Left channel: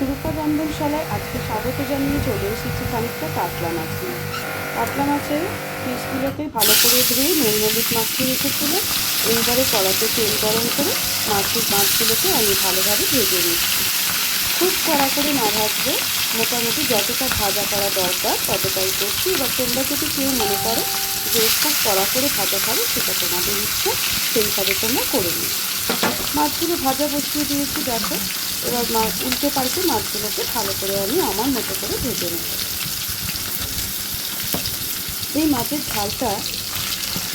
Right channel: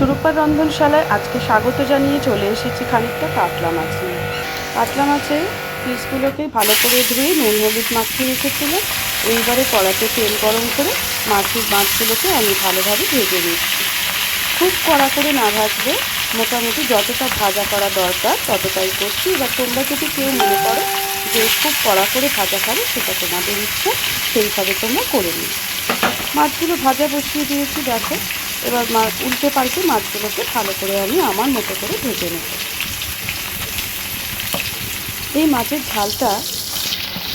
সুরূপা রন্ধনশালায় আজকে স্বাগত জানিয়ে চলে এসেছি খানিকটা কাতলা মাছ নিয়ে। কাতলা মাছের পিসগুলোকে ভালো করে ধুয়ে নুন হলুদ মাখিয়ে রেখেছিলাম। এইবারে কড়াতে তেল গরম করে মাছগুলোকে আমি ভালোভাবে ভেজে নিচ্ছি। খুব কড়া করে না ভাজলে, মোটামুটি যতটা ভাজা করা দরকার ততটাই করছি। এবার তোমরা যদি কেউ মনে করো যে খুব কড়া করে ভাজা খাবে, সেটা তোমাদের ইচ্ছা, সেইভাবে তোমরা করে নিও। মাছগুলো ভাজা বসিয়ে দিয়েছি, দেখো। এবার উল্টে পাল্টে মাছগুলোকে ভালো করে আমি আমার মতো করে ভেজে নেব। এই মাছের ঝালটা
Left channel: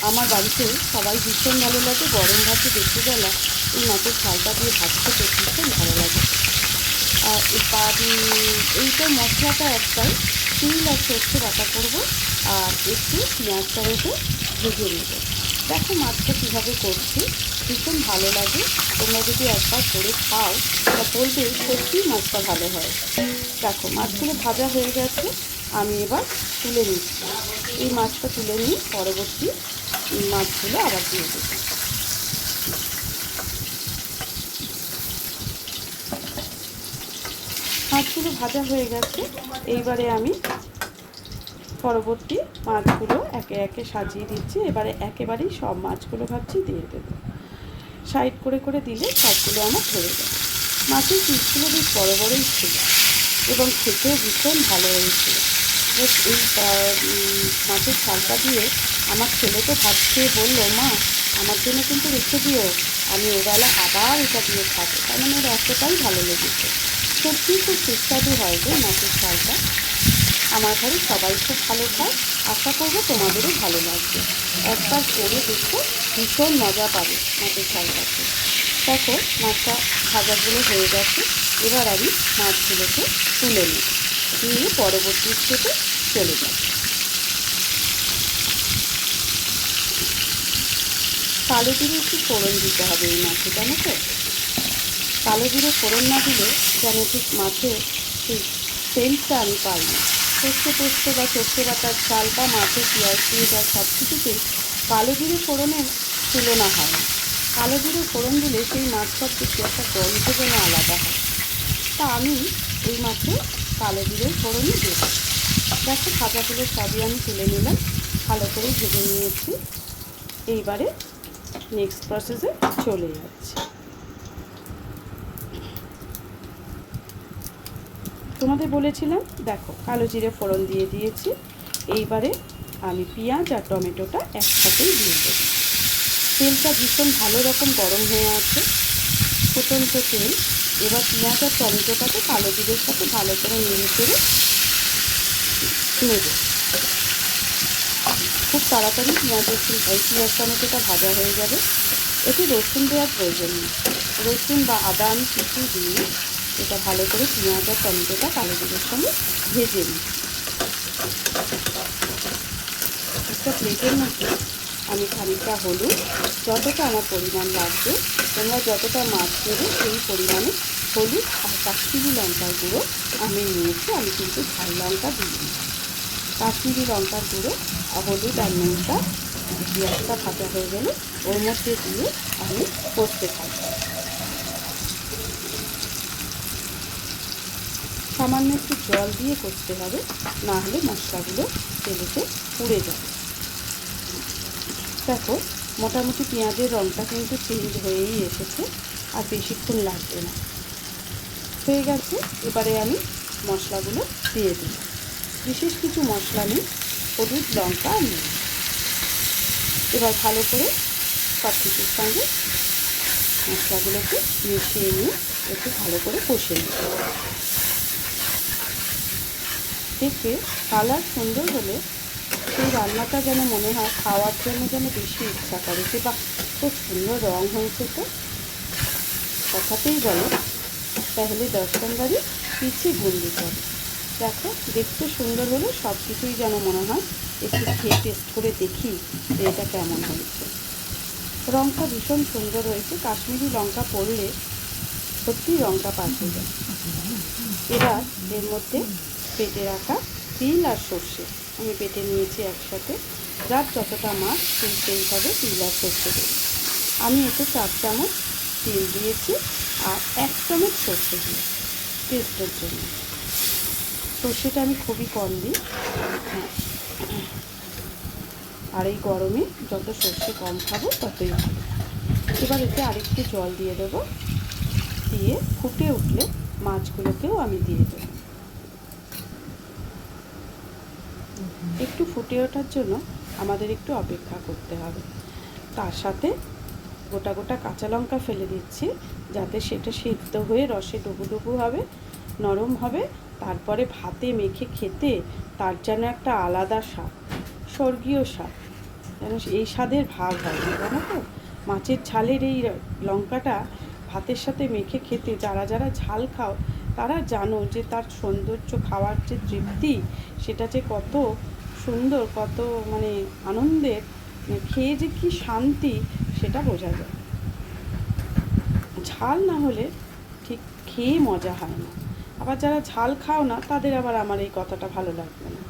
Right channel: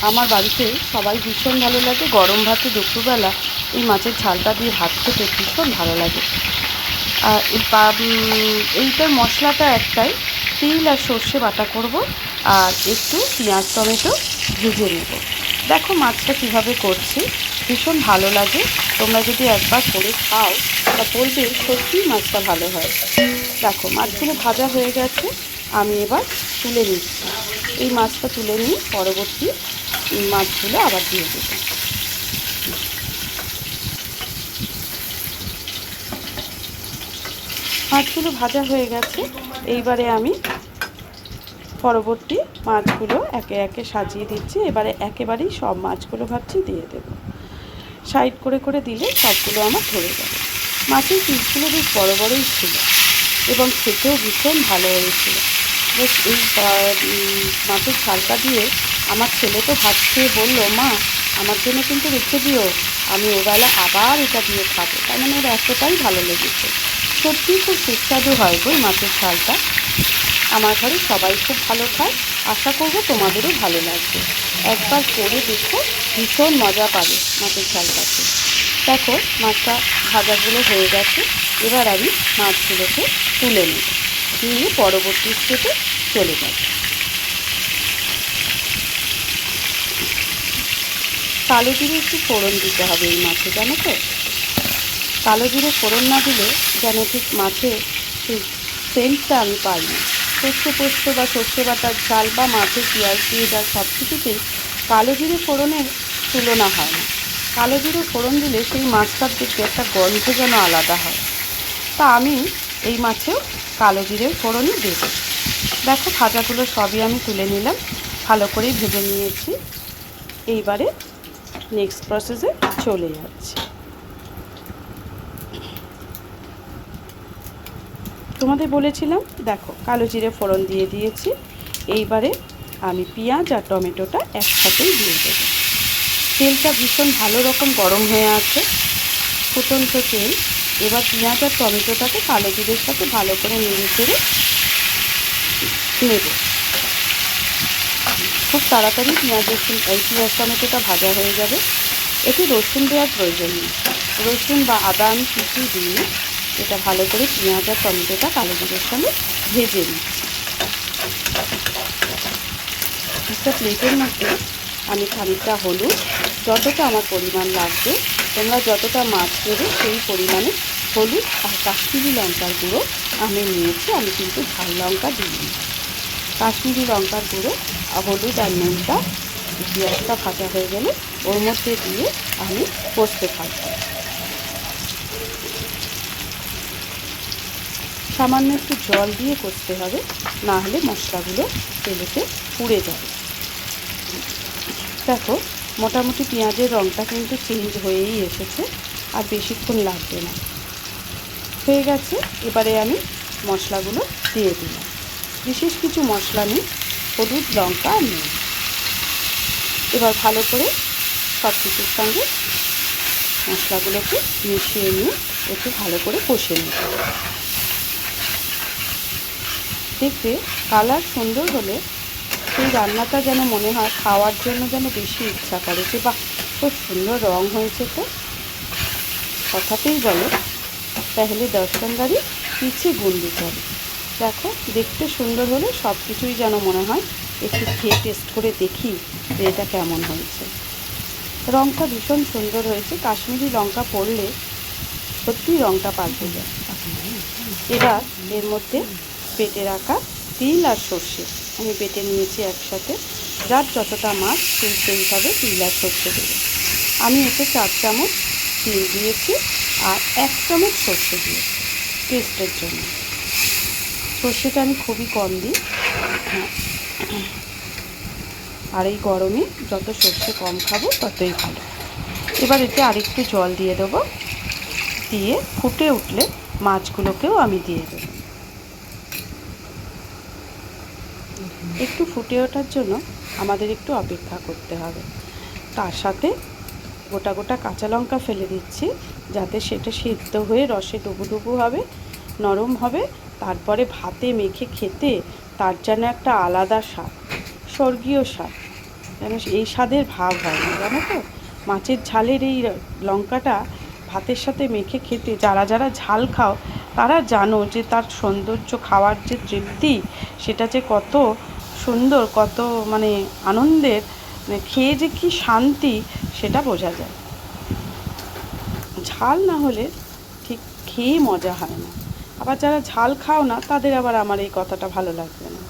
আমার বাড়িতে সবাই ভীষণ ভালো লাগে। গরম ভাতে দুপুরবেলা এই মাছের ঝালটা দিয়ে ভাত খেতে ভীষণ ভালো লাগে। আর এইটার মশলাটা একটাই, তিল আর সর্ষে বাটা করব, আর একটু পেঁয়াজ টমেটো ভেজে নেব। দেখো মাছটা কীভাবে করছি, ভীষণ ভালো লাগে। তোমরা যদি একবার করে খাও তা বলবে সত্যিই মাছটা ভালো হয়। দেখো মাছগুলো ভাজা হয়ে গেছে, আমি এবার তুলে নিচ্ছি। এই মাছটা তুলে নিয়ে পরবর্তী মাছগুলো আবার দিয়ে দেবো। মাছগুলো ভাজা হয়ে গেছে, এইবারে আমি পরবর্তী মাছগুলো একে একে সাজিয়ে দিচ্ছি। এবারে একেবারেই সব মাছগুলো ভাবছি দিয়ে দেবো। সাইড করে করে দিলে সবগুলো আমার ধরে যাবে। মাছের পিসগুলো বেশ বড় বড়ই ছিল এবং খেতেও ভীষণ ভালো হয়েছিল। বেশ এই মাছের ঝালটা দিয়ে আমার ছেলে তো ভাত খেয়ে বললো, মা আমার জন্য কিন্তু রেখে দিও, আমি ওবেলা আবার এটা দিয়ে খাবো। তার মানে ওর এতটাই ভালো লেগেছে। সত্যিই খুব সুস্বাদু হয় গো মাছের ঝালটা। আমার ঘরে সবাই খুব ভালো খায়, আশা করবো তোমাদেরও ভালো লাগবে। একবার করে দেখো, ভীষণ মজা পাবে মাছের ঝালটাতে। দেখো মাছটা ভাজাগুলো হয়ে গেছে, এবার আমি মাছগুলোকে তুলে নেব, নিয়ে পরবর্তী স্টেপে চলে যাব। কালো জিরে একটু ফোড়ন দিতে হবে এই মাছে, জানো তো। কালো জিরে ফোড়ন না দিলে যেন ঠিক মাছের সেই সেন্টটা আমি পাই না। সর্ষে পোস্ত বা সর্ষে বাটার ঝাল বা মাছের পেঁয়াজ দিয়ে যা সব কিছুতেই কালো জিরে ফোড়নের তুলনা হয় না। কালো জিরে ফোড়ন দিলে সেই মাছটার দেখতে একটা গন্ধ যেন আলাদা হয়। তা আমি এই মাছেও কালো জিরের ফোড়নই দেব। দেখো ভাজাগুলো সবই আমি তুলে নিলাম, ভালো করেই ভেজে নিয়েছি। এইবারে নেক্সট প্রসেসে চলে যাচ্ছি। তোমাদের বলেছিলাম, দেখো কালো জিরে ফোড়ন দিয়ে দিয়েছি। এইবারে আমি পেঁয়াজ আর টমেটোটা একসাথেই দিয়ে দেবো। তেলটা ভীষণ ভালো রকম গরম হয়ে আছে, ফুটন্ত তেল। এবার পেঁয়াজ আর টমেটোটাকে কালো জিরের সাথে ভালো করে নেড়ে চেড়ে নেব। খুব তাড়াতাড়ি পেঁয়াজ টমেটোটা ভাজা হয়ে যাবে। এতে রসুন দেওয়ার প্রয়োজন নেই, রসুন বা আদা আমি কিছুই দিইনি। এটা ভালো করে পেঁয়াজ আর টমেটোটা কালো জিরের সঙ্গে ভেজে নিই। একটা প্লেটের মধ্যে আমি খানিকটা হলুদ, যতটা আমার পরিমাণ লাগবে, তোমরা যতটা মাছ নেবে সেই পরিমাণে হলুদ আর কাশ্মীরি লঙ্কার গুঁড়ো আমি নিয়েছি। আমি কিন্তু ঝাল লঙ্কা দিইনি। কাশ্মীরি লঙ্কার গুঁড়ো, হলুদ আর নুনটা, পেঁয়াজটা ভাজা হয়ে গেলে ওর মধ্যে দিয়ে আমি কষতে থাকবো। সামান্য একটু জল দিয়ে করতে হবে, না হলে মশলাগুলো তেলেতে পুড়ে যাবে। দেখো মোটামুটি পেঁয়াজের রঙটা কিন্তু চেঞ্জ হয়েই এসেছে, আর বেশিক্ষণ লাগবে না, হয়ে গেছে। এবারে আমি মশলাগুলো দিয়ে দিলাম। বিশেষ কিছু মশলা নেই, হলুদ লঙ্কা আর নুন। এবার ভালো করে সব কিছুর সঙ্গে মশলাগুলোকে মিশিয়ে নিয়ে একটু ভালো করে কষে নিতে হবে। দেখবে কালার সুন্দর হলে সেই রান্নাটা যেন মনে হয় খাওয়ার জন্য যেন বেশি ইচ্ছা করে, যে বাহ খুব সুন্দর রং হয়েছে। তো কথাতেই বলো, পেহলে দর্শনদারি পিছে গুন্ডি করে। দেখো দেখতে সুন্দর হলে সব কিছুই যেন মনে হয় একটু খেয়ে টেস্ট করে দেখি যে এটা কেমন হয়েছে। রঙটা ভীষণ সুন্দর হয়েছে, কাশ্মীরি লঙ্কা পড়লে সত্যিই রঙটা পাল্টে যায়। এবার এর মধ্যে বেটে রাখা তিল আর সর্ষে আমি বেটে নিয়েছি একসাথে। যার যতটা মাছ সেইভাবে তিল আর সর্ষে দেবে। আমি এতে 4 চামচ তিল দিয়েছি আর 1 চামচ সর্ষে দিয়েছি। টেস্টের জন্য। সর্ষেটা আমি খুবই কম দিই, আর এই গরমে যত সর্ষে কম খাবো ততই ভালো। এবার এতে আরেকটু জল দিয়ে দেবো, দিয়ে ফুটে উঠলে মাছগুলোকেও আমি দিয়ে দেবো। একটু ফুটে ওঠার জন্য আমাদের একটু অপেক্ষা করতে হবে। তার সাথে গোটা গোটা কাঁচা লঙ্কা ফেলে দিচ্ছি, যাতে সেটা সিদ্ধ হয়ে রসে ডুবু হবে, নরম হবে। তারপরে ভাতে মেখে খেতে তার যেন একটা আলাদা স্বাদ, স্বর্গীয় স্বাদ, যেন এই স্বাদের ভাব হয় না, জানো তো। মাছের ঝালের এই লঙ্কাটা ভাতের সাথে মেখে খেতে যারা যারা ঝাল খাও তারা জানো যে তার সৌন্দর্য, খাওয়ার যে তৃপ্তি, সেটা যে কত সুন্দর, কত মানে আনন্দের, মানে খেয়ে যে কী শান্তি সেটা বোঝা যায়। ঝাল না হলে ঠিক খেয়ে মজা হয় না। আবার যারা ঝাল খাও না তাদের আবার আমার এই কথাটা ভালো লাগবে না।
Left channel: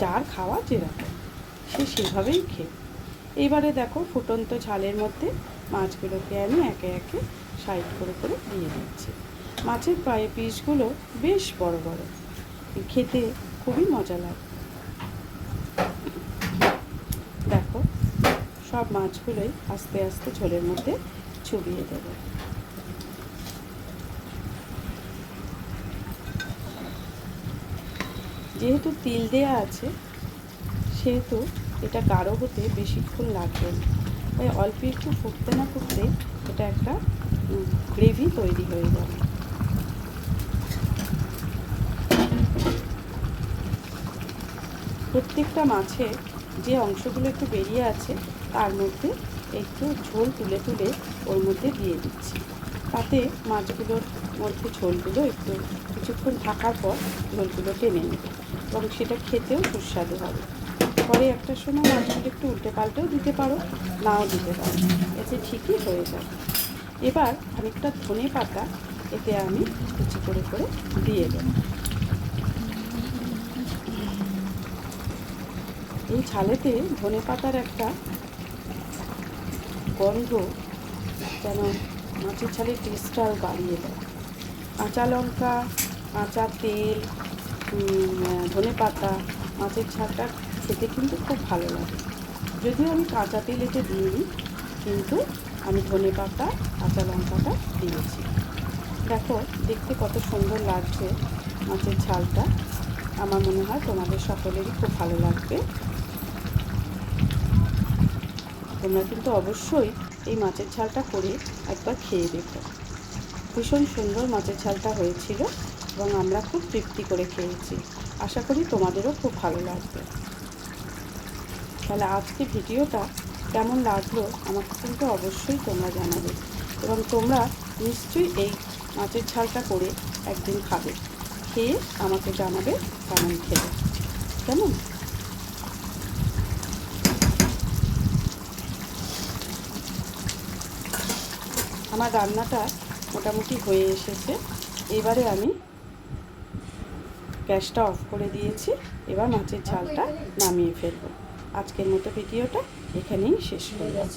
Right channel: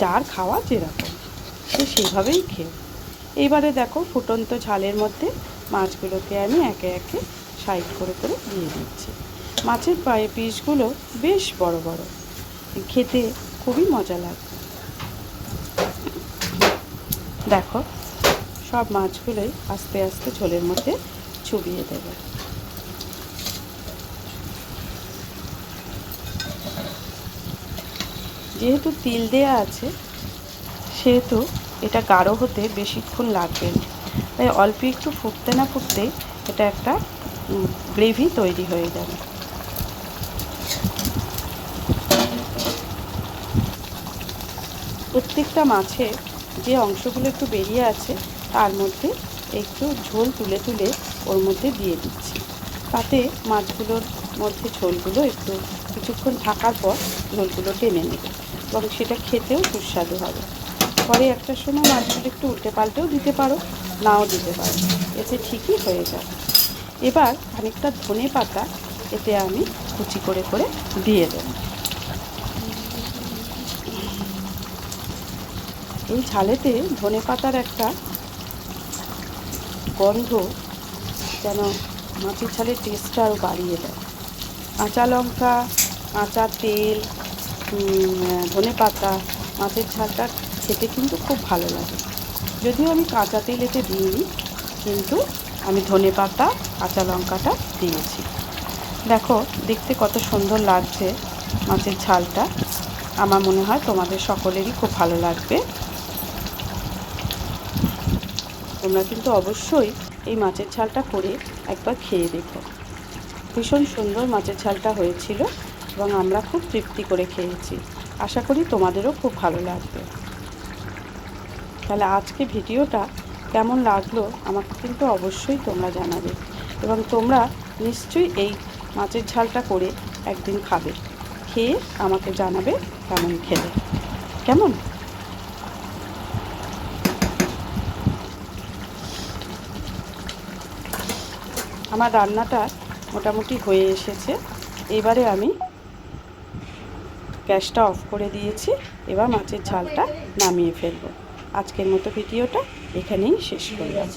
যার খাওয়া যেরকম সে সেভাবেই খেয়ে। এইবারে দেখো ফুটন্ত ঝালের মধ্যে মাছগুলোকে আমি একে একে সাইড করে করে দিয়ে দিচ্ছি। মাছের পিসগুলো বেশ বড় বড়, খেতে খুবই মজা লাগে। দেখো সব মাছগুলোই আস্তে আস্তে ঝোলের মধ্যে চুবিয়ে দেবে। যেহেতু তিল দেয়া আছে সেহেতু এটা গাঢ় হতে বেশিক্ষণ লাগবে না, তাই অল্প একটু ফুটতে না ফুটতেই এটা একটা গ্রেভি তৈরি হয়ে যাবে। প্রত্যেকটা মাছে যে অংশগুলো একটু বেরিয়ে আছে তার মধ্যে একটু ঝোল তুলে তুলে ওর মধ্যে দিয়ে দিচ্ছি, তাতে মাছগুলোর মধ্যে ঝোলগুলো একটু কিছুক্ষণ থাকার পর ঝোলগুলো টেনে নেবে এবং সেটা খেতেও সুস্বাদু হবে। পরে একটা সময় মাছগুলো একটু উল্টে পাল্টেও দিতে পারো, নাও দিতে পারো, এতে ঠিকই হয়ে যাবে। এবার খানিকটা ধনে পাতা এতে আমি কুচি করে করে দিয়ে দেব। এই ঝালেতে ধনে পাতার একটা গন্ধ যেন মাছের ঝালের টেস্টটা আরও বাড়িয়ে দেয়। কাঁচা লঙ্কা, কাঁচা তেল, ধনে পাতা মাছের ঝালটা খেতে কিন্তু খুব ভালো লাগে। যদিও আমি কাঁচা তেল এতে দিইনি, কিন্তু আমি ধনে পাতা, কাঁচা লঙ্কাটা দিয়েছি। দেখো দেখতে কত সুন্দর লাগছে মাছের ঝালটা। আমার মনে হয় তোমাদের সকলেরই খুব ভালো লাগবে। তোমরা কিন্তু অবশ্যই এই মাছের ঝালটা করে একবার খেয়ে দেখো। ভীষণ সুন্দর মাছের ঝালটা হয়েছিল এবং আমরা খুব তৃপ্তি করে খেয়েছি। আশা করি তোমাদেরও খুব ভালো লাগবে। তাহলে আজকে ভিডিওটা কেমন লাগলো আমাকে কিন্তু অবশ্যই তোমরা জানাবে, এবং তোমরা নিশ্চয়ই এই মাছের ঝালটা করে একদিন খাবে, খেয়ে আমাকে জানাবে কেমন খেলে। কেমন? আমার রান্নাটা মোটামুটি হয়ে এসেছে। এবারে আমি গ্যাসটা অফ করে দিয়েছি। এবার মাছের ঝালটা নামিয়ে ফেলবো। আজকের মতো ভিডিওটা এখানেই শেষ করলাম।